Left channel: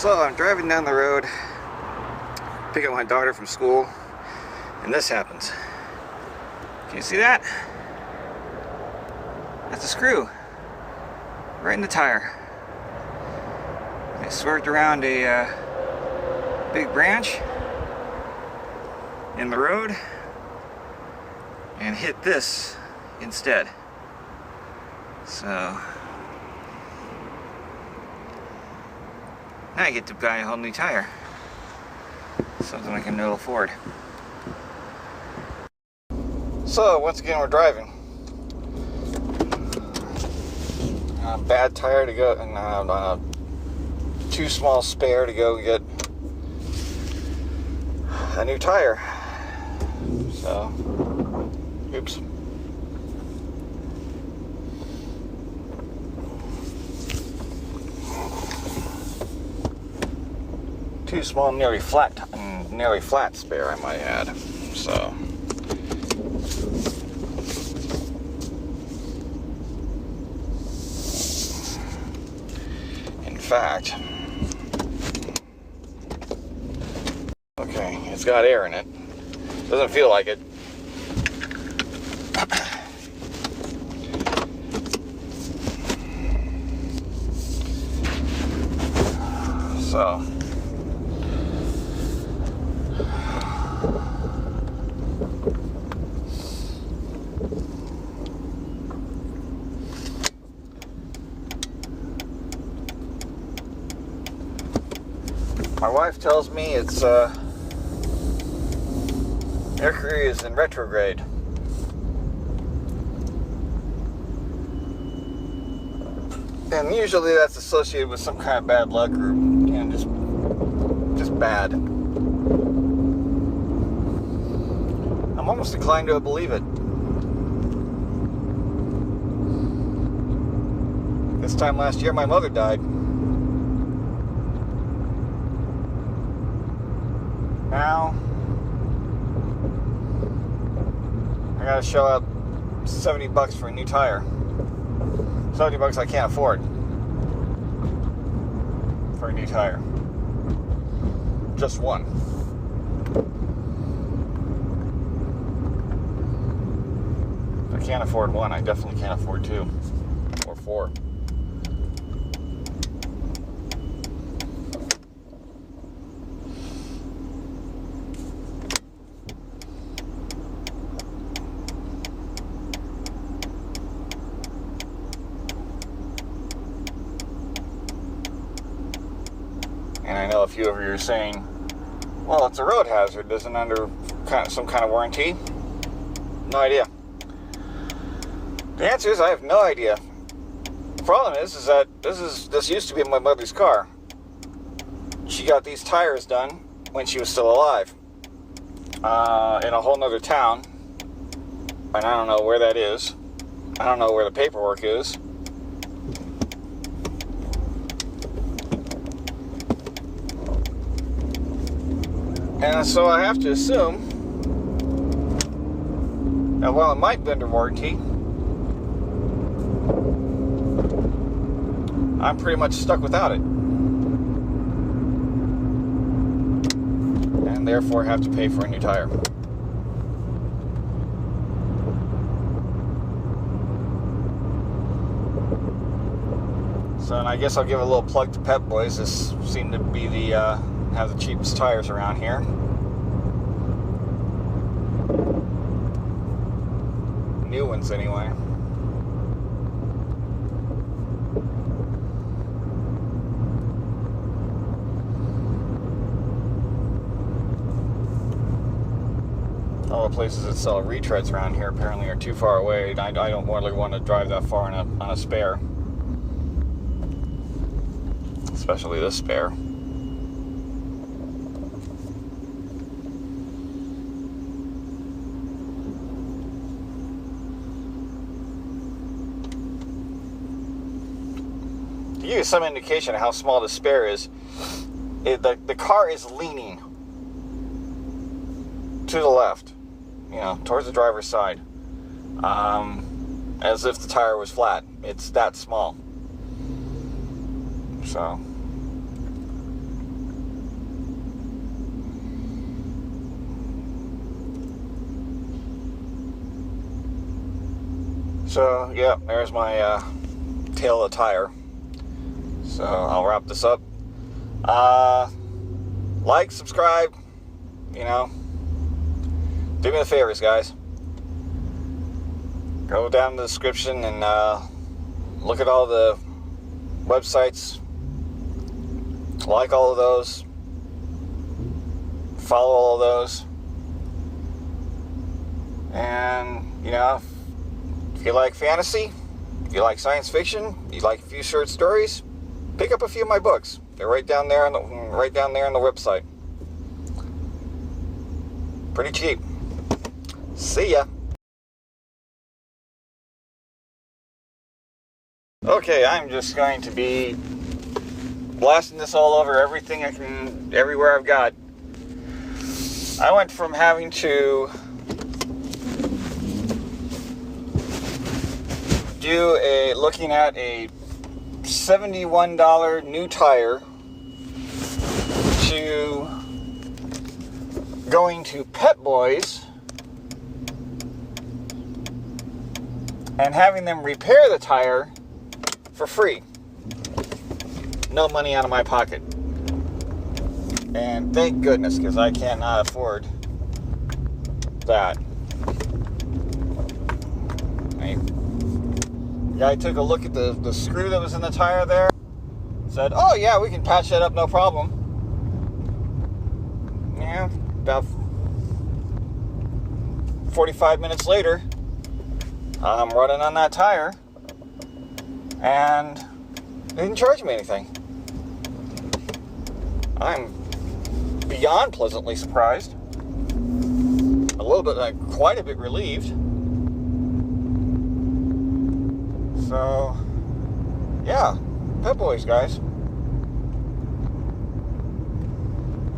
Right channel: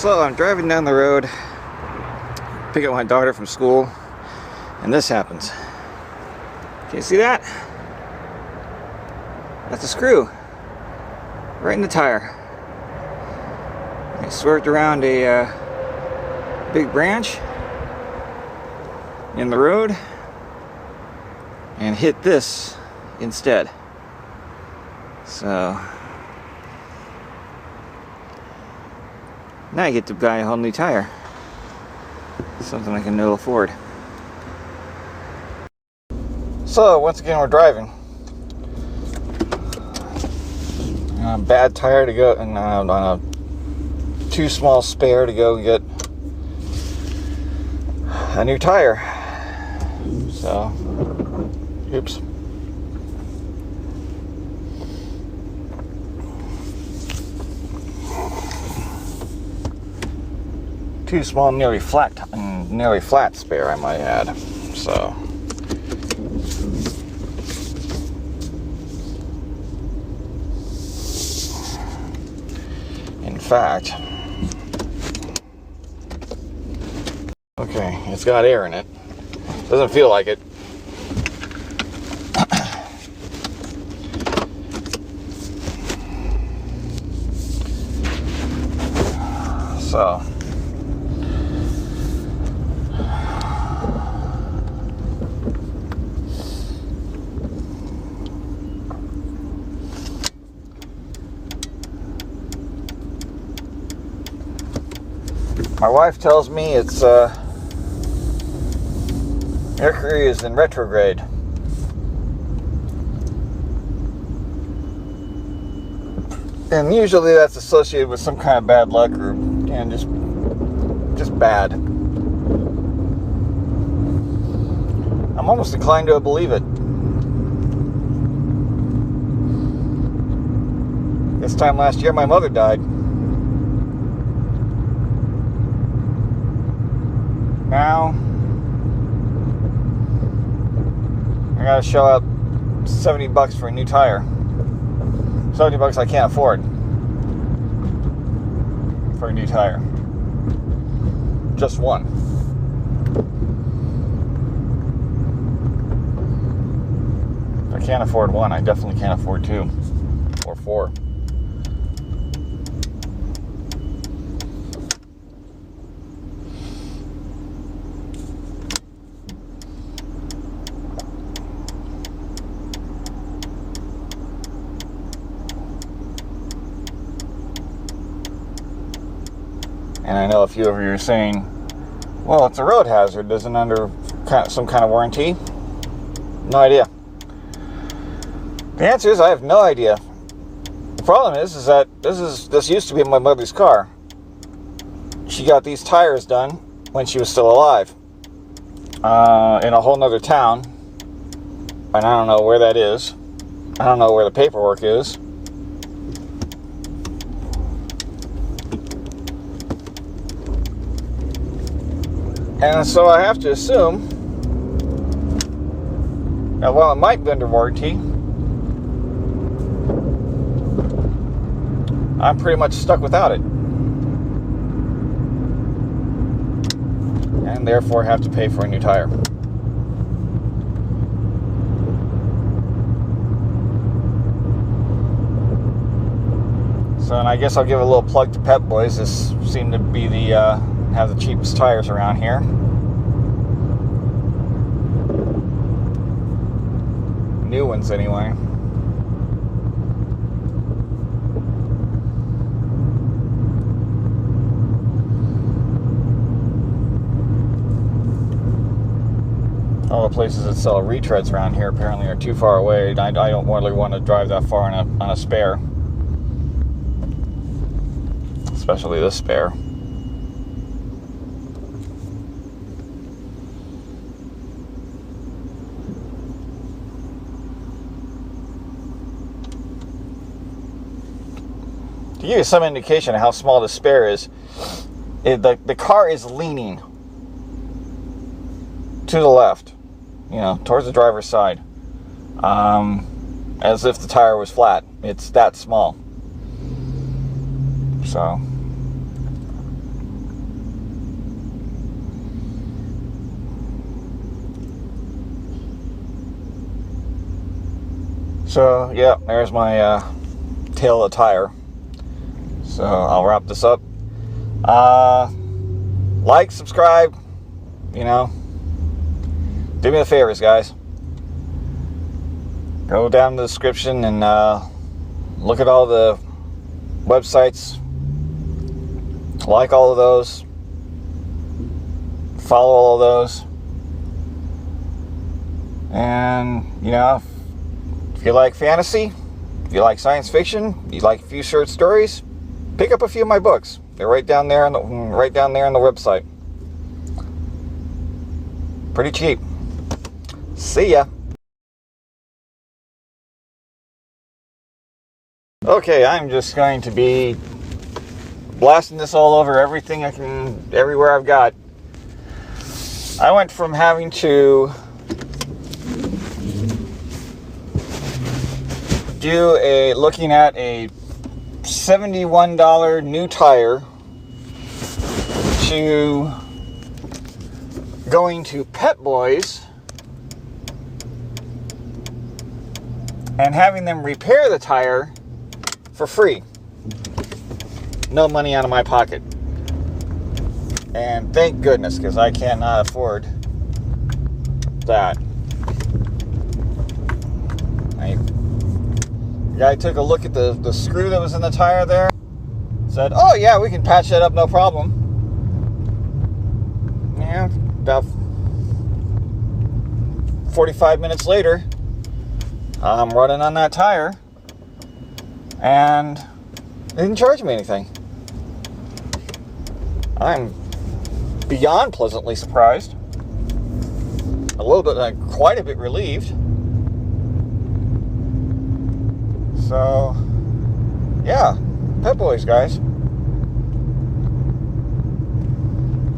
So I'm driving down the road, pick up my daughter from school, and this happens. Can you see that? That's a screw right in the tire. I swerved around a big branch in the road and hit this instead. So now I get to buy a whole new tire. Something I can ill afford. So once again we're driving. Bad tire to go, and too small spare to go get a new tire. So, oops. Too small, nearly flat spare, I might add. So. In fact, okay, it's got air in it. Doesn't feel like it. So, my wife tells me it's Mercury is in retrograde. And usually that's associated with some kind of bad luck or just bad. I'm almost inclined to believe it. This time last year my mother died. Now I gotta shell out $70 for a new tire. $70 I can't afford for a new tire. Just one. If I can't afford one, I definitely can't afford two or four. And I know a few of you are saying, well, it's a road hazard, isn't under some kind of warranty? No idea. The answer is I have no idea. The problem is that this used to be my mother's car. She got these tires done when she was still alive. In a whole nother town. And I don't know where that is. I don't know where the paperwork is. And so I have to assume that while it might be under warranty, I'm pretty much stuck without it. And therefore have to pay for a new tire. So, and I guess I'll give a little plug to Pep Boys. This seemed to be have the cheapest tires around here. New ones, anyway. All the places that sell retreads around here apparently are too far away. I don't really want to drive that far on a spare. Especially this spare. To give you some indication of how small the spare is, the car is leaning to the left, towards the driver's side, as if the tire was flat. It's that small. So, So, yeah, there's my tail of the tire. So, I'll wrap this up. Like, subscribe, you know. Do me the favors, guys. Go down in the description and look at all the websites. Like all of those. Follow all of those. And, you know, if you like fantasy, if you like science fiction, you like a few short stories, pick up a few of my books. They're right down there on the website. Pretty cheap. See ya. Okay, I'm just going to be blasting this all over everything I can, everywhere I've got. I went from having to looking at a $71 new tire to going to Pep Boys and having them repair the tire for free. No money out of my pocket. And thank goodness, because I cannot afford that. The guy took a look at the screw that was in the tire there. Said, oh yeah, we can patch that up, no problem. Yeah, about 45 minutes later, I'm running on that tire, and they didn't charge me anything. I'm beyond pleasantly surprised. A little bit, quite a bit relieved. So, yeah, Pep Boys, guys.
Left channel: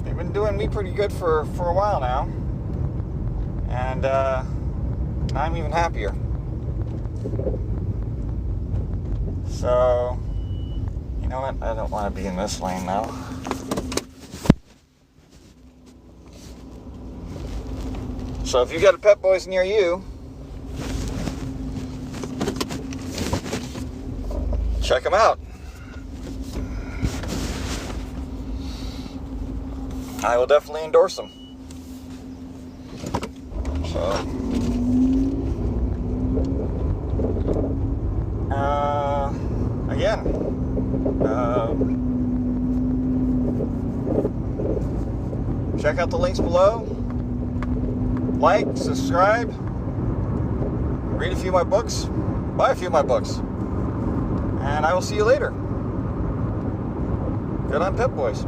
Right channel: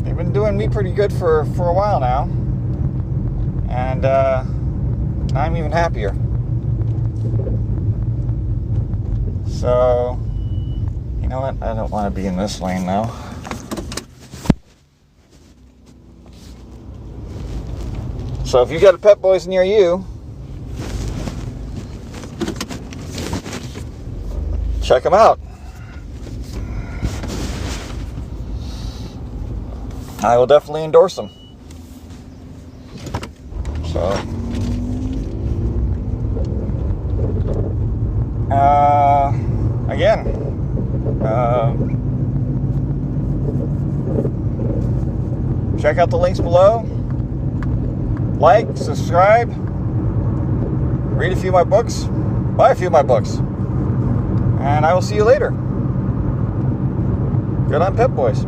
They've been doing me pretty good for a while now. And I'm even happier. So, you know what? I don't want to be in this lane now. So if you got a Pep Boys near you, check them out. I will definitely endorse them. So, again, check out the links below. Like, subscribe, read a few of my books, buy a few of my books, and I will see you later. Good on Pep Boys.